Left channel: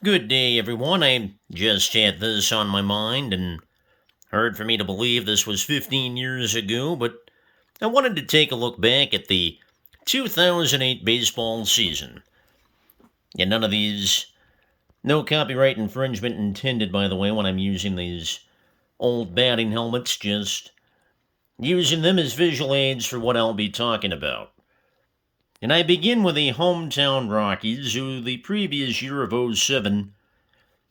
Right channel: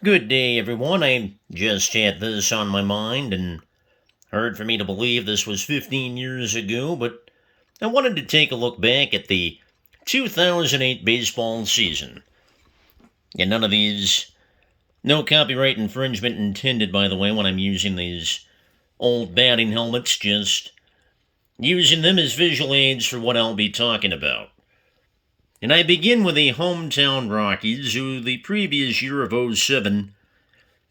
Good day, everyone. I just had this on my mind, and hard for me to believe this was 15 years ago, but I wanted to take a look back at the 2008 baseball season. And none of these, no copyright infringement intended, by the way, when I'm using these old batting helmets, just using them as visual aids for what I'll be talking about. And I begin with the hometown Rockies, who the previous year of '07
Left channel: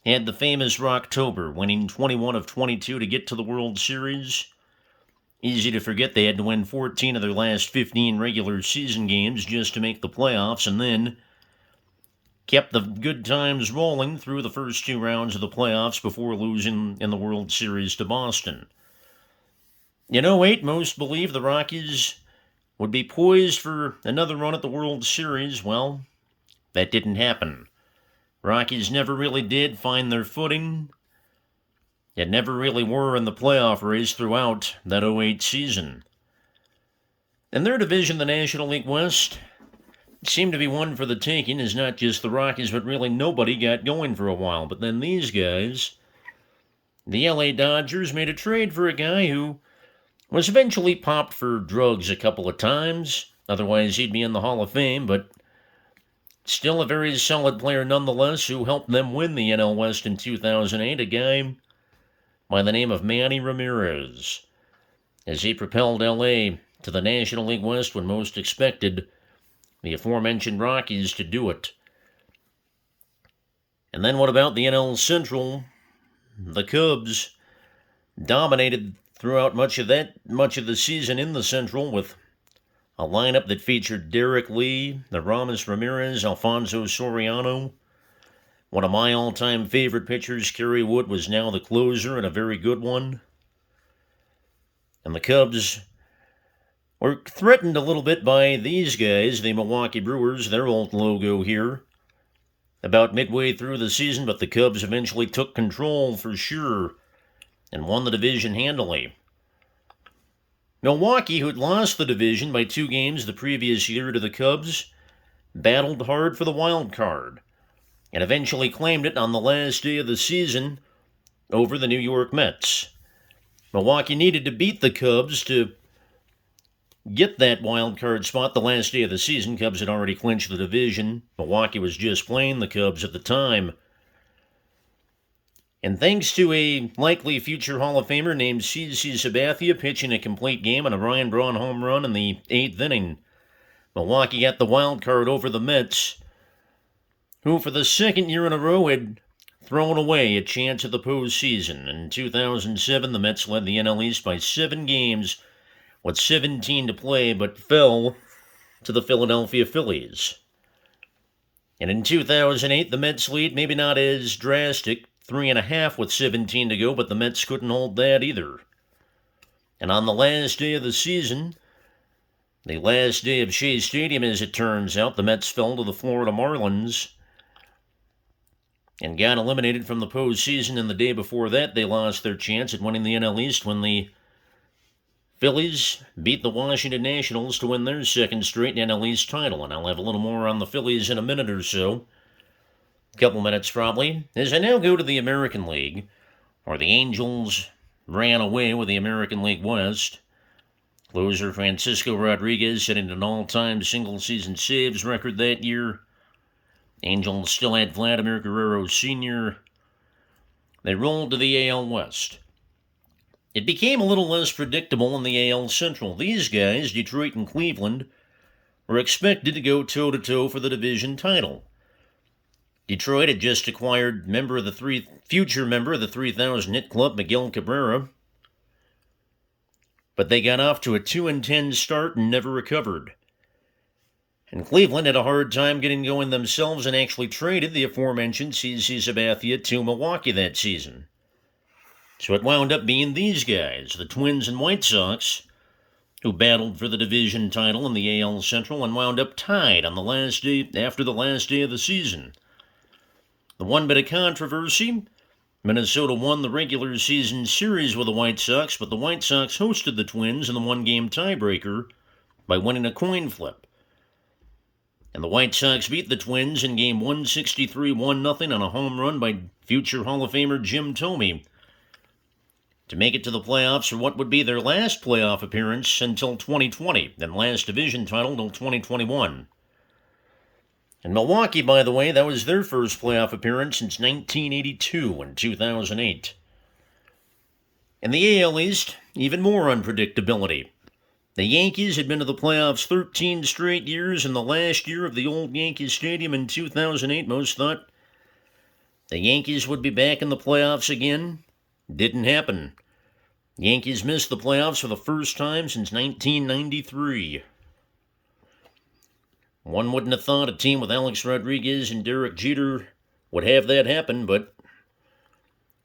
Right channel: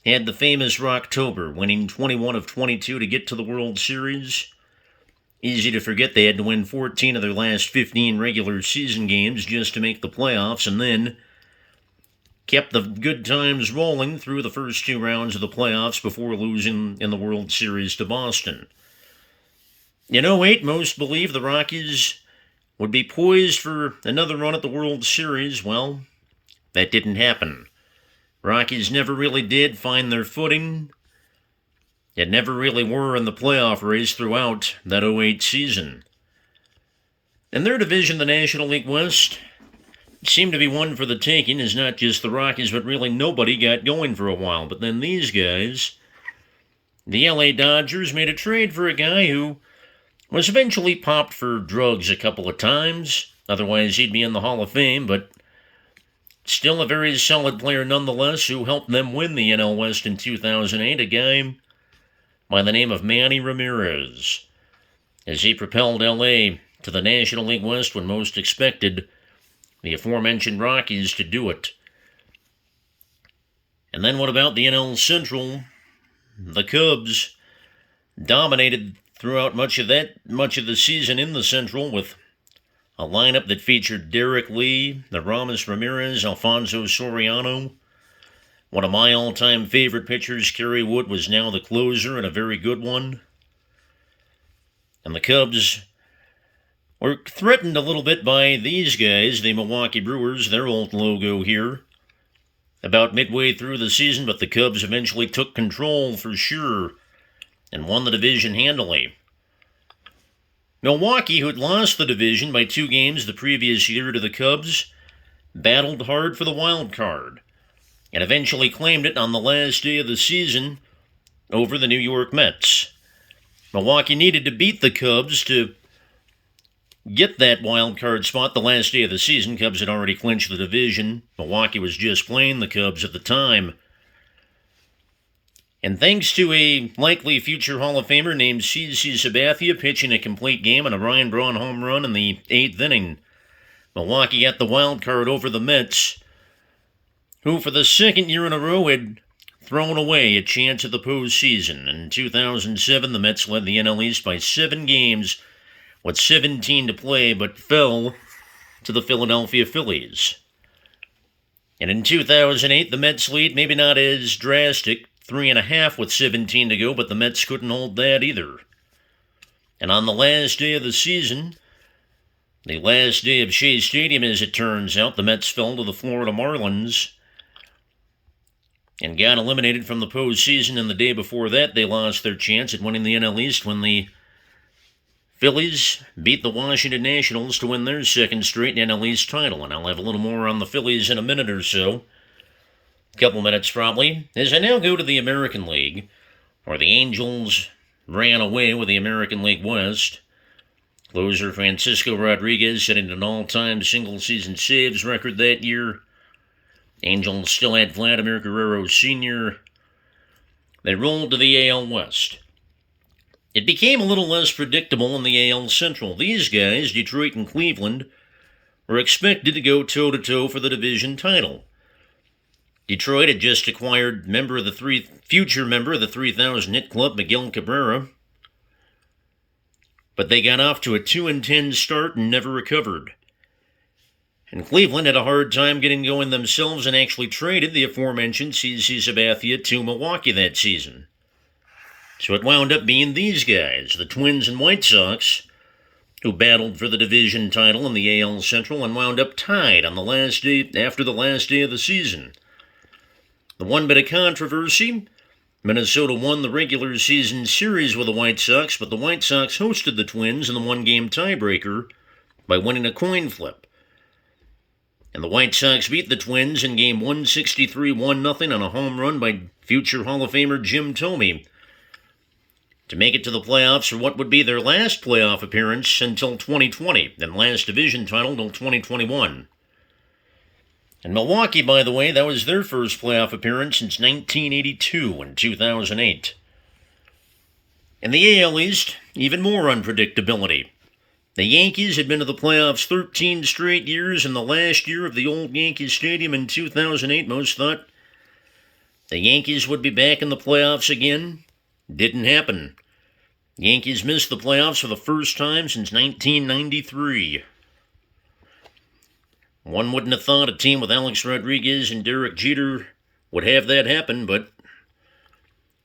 had the famous Rocktober, winning 21 of 22 to get to the World Series. Easy to forget they had to win 14 of their last 15 regular season games just to make the playoffs, and then kept the good times rolling through the first two rounds of the playoffs before losing in the World Series to Boston. In '08, most believed the Rockies would be poised for another run at the World Series. Well, that didn't happen. Rockies never really did find their footing. It never really were in the playoff race throughout that '08 season. In their division, the National League West seemed to be one for the taking, as not just the Rockies, but really nobody got going for a while. But then these guys, the LA Dodgers, made a trade for a guy who was eventually popped for drugs a couple of times. Otherwise, he'd be in the Hall of Fame, but still a very solid player nonetheless, who helped them win the NL West in 2008, a guy by the name of Manny Ramirez, as he propelled LA to the National League West when most expected the aforementioned Rockies to do it. And then what about the NL Central? The Cubs dominated throughout much of the season in the Central, with a lineup that featured Derek Lee, Aramis Ramirez, Alfonso Soriano. One of my all-time favorite pitchers, Kerry Wood, was now the closer, and a very good one. And the Cubs were threatened a little bit by these guys, the Milwaukee Brewers, their old logo here, about midway through the season, but the Cubs eventually took control for sure and won the division handily. Milwaukee, who had lost the division by 2 games the previous year to the Cubs, battled hard for the wild card and eventually claimed it on the last day of the season over the New York Mets. Milwaukee needed to beat the Cubs to get that wild card spot the last day of the season. Cubs had already clinched the division. Milwaukee was just playing the Cubs at the time. And thanks to a likely future Hall of Famer named CC Sabathia pitching a complete game and a Ryan Braun home run in the 8th inning, Milwaukee got the wild card over the Mets, who for the second year in a row had thrown away a chance at the postseason. In 2007, the Mets led the NL East by 7 games with 17 to play, but fell to the Philadelphia Phillies. And in 2008, the Mets lead, maybe not as drastic, 3.5 with 17 to go, but the Mets couldn't hold that either. And on the last day of the season, the last day of Shea Stadium, as it turns out, the Mets fell to the Florida Marlins and got eliminated from the postseason. And the day before that, they lost their chance at winning the NL East when the Phillies beat the Washington Nationals to win their second straight NL East title. And I'll have a little more on the Phillies in a minute or so. A couple minutes probably. As I now go to the American League, where the Angels ran away with the American League West. Closer Francisco Rodriguez setting an all-time single-season saves record that year. Angels still had Vladimir Guerrero Sr. They rolled to the AL West. It became a little less predictable in the AL Central. These guys, Detroit and Cleveland, were expected to go toe-to-toe for the division title. Detroit had just acquired future member of the 3,000 hit club, Miguel Cabrera, but they got off to a 2-10 start and never recovered. And Cleveland had a hard time getting going themselves and actually traded the aforementioned CC Sabathia to Milwaukee that season. So it wound up being these guys, the Twins and White Sox, who battled for the division title in the AL Central and wound up tied on the last day after the last day of the season. The one bit of controversy, Minnesota won the regular season series with the White Sox, but the White Sox hosted the Twins in the one-game tiebreaker by winning a coin flip. And the White Sox beat the Twins in game 163 1-0 on a home run by future Hall of Famer Jim Thome to make it to the playoffs for what would be their last playoff appearance until 2020, and last division title until 2021. And Milwaukee, by the way, that was their first playoff appearance since 1982 and 2008. In the AL East, even more unpredictability. The Yankees had been to the playoffs 13 straight years. In the last year of the old Yankee Stadium in 2008, most thought the Yankees would be back in the playoffs again. Didn't happen. Yankees missed the playoffs for the first time since 1993. One wouldn't have thought a team with Alex Rodriguez and Derek Jeter would have that happen, but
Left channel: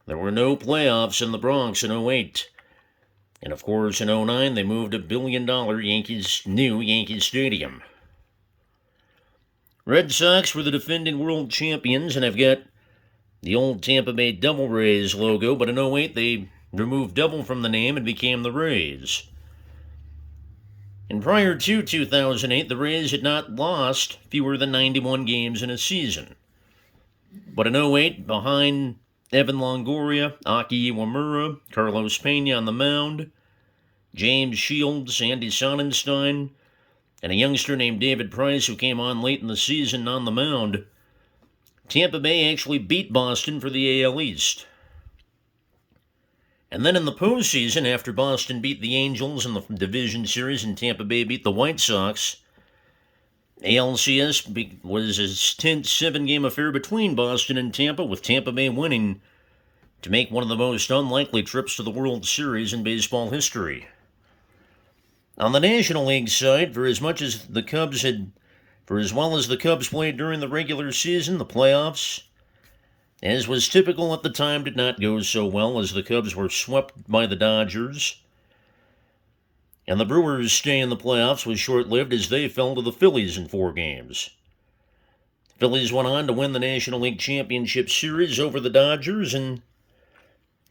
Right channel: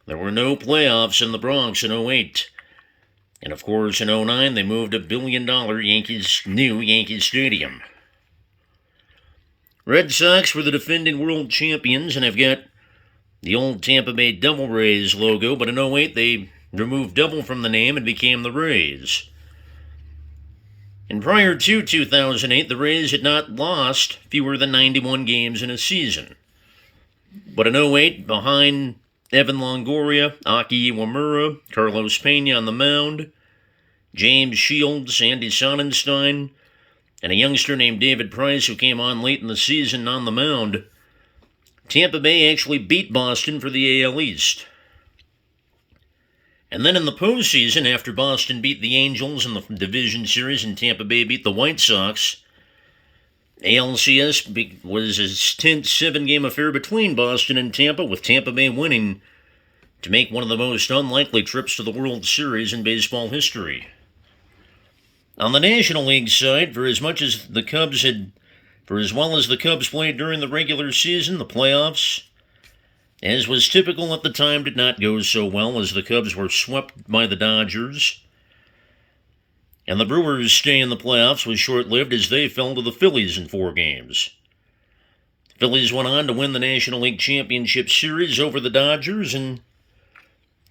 there were no playoffs in the Bronx in 2008. And of course, in 2009, they moved $1 billion new Yankee Stadium. Red Sox were the defending world champions and have got the old Tampa Bay Devil Rays logo, but in 2008, they removed Devil from the name and became the Rays. And prior to 2008, the Rays had not lost fewer than 91 games in a season. But in 2008, behind Evan Longoria, Aki Iwamura, Carlos Pena on the mound, James Shields, Andy Sonnenstein, and a youngster named David Price who came on late in the season on the mound, Tampa Bay actually beat Boston for the AL East. And then in the postseason, after Boston beat the Angels in the division series and Tampa Bay beat the White Sox, ALCS was a tense 7-game affair between Boston and Tampa, with Tampa Bay winning to make one of the most unlikely trips to the World Series in baseball history. On the National League side, for as well as the Cubs played during the regular season, the playoffs, as was typical at the time, did not go so well as the Cubs were swept by the Dodgers. And the Brewers' stay in the playoffs was short-lived as they fell to the Phillies in 4 games. The Phillies went on to win the National League Championship Series over the Dodgers and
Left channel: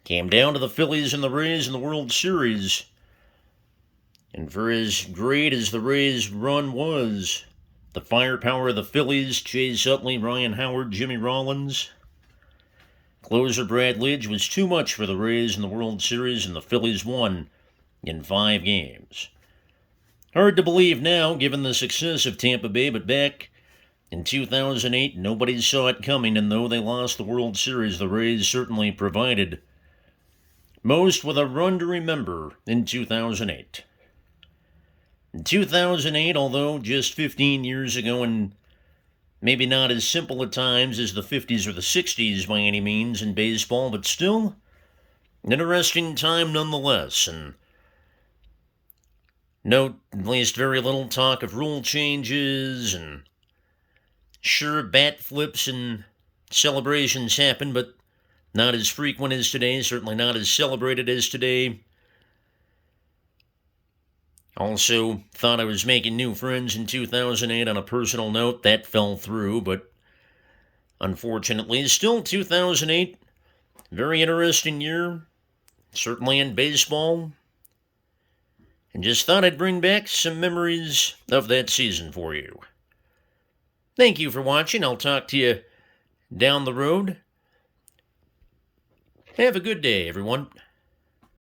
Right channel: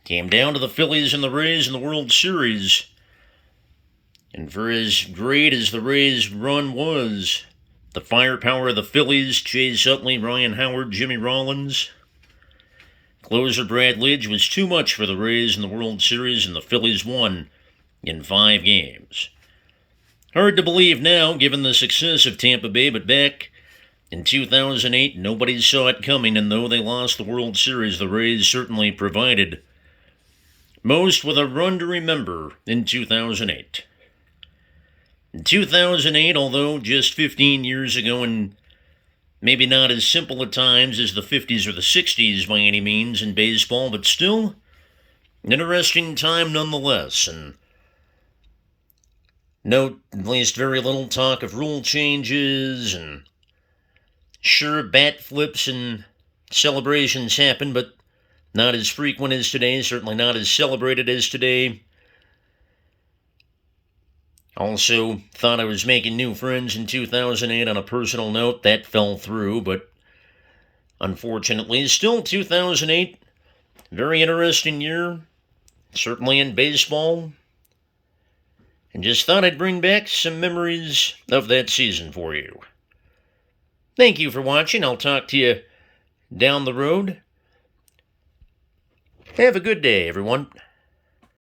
came down to the Phillies and the Rays in the World Series. And for as great as the Rays' run was, the firepower of the Phillies, Chase Utley, Ryan Howard, Jimmy Rollins, closer Brad Lidge, was too much for the Rays in the World Series, and the Phillies won in 5 games. Hard to believe now, given the success of Tampa Bay, but back in 2008, nobody saw it coming, and though they lost the World Series, the Rays certainly provided most with a run to remember in 2008. In 2008, although just 15 years ago and maybe not as simple at times as the 50s or the 60s by any means in baseball, but still an interesting time nonetheless. And note, at least very little talk of rule changes, and sure, bat flips and celebrations happen, but not as frequent as today, certainly not as celebrated as today. Also, thought I was making new friends in 2008 on a personal note. That fell through, but unfortunately, still 2008, very interesting year, certainly in baseball. And just thought I'd bring back some memories of that season for you. Thank you for watching. I'll talk to you down the road. Have a good day, everyone.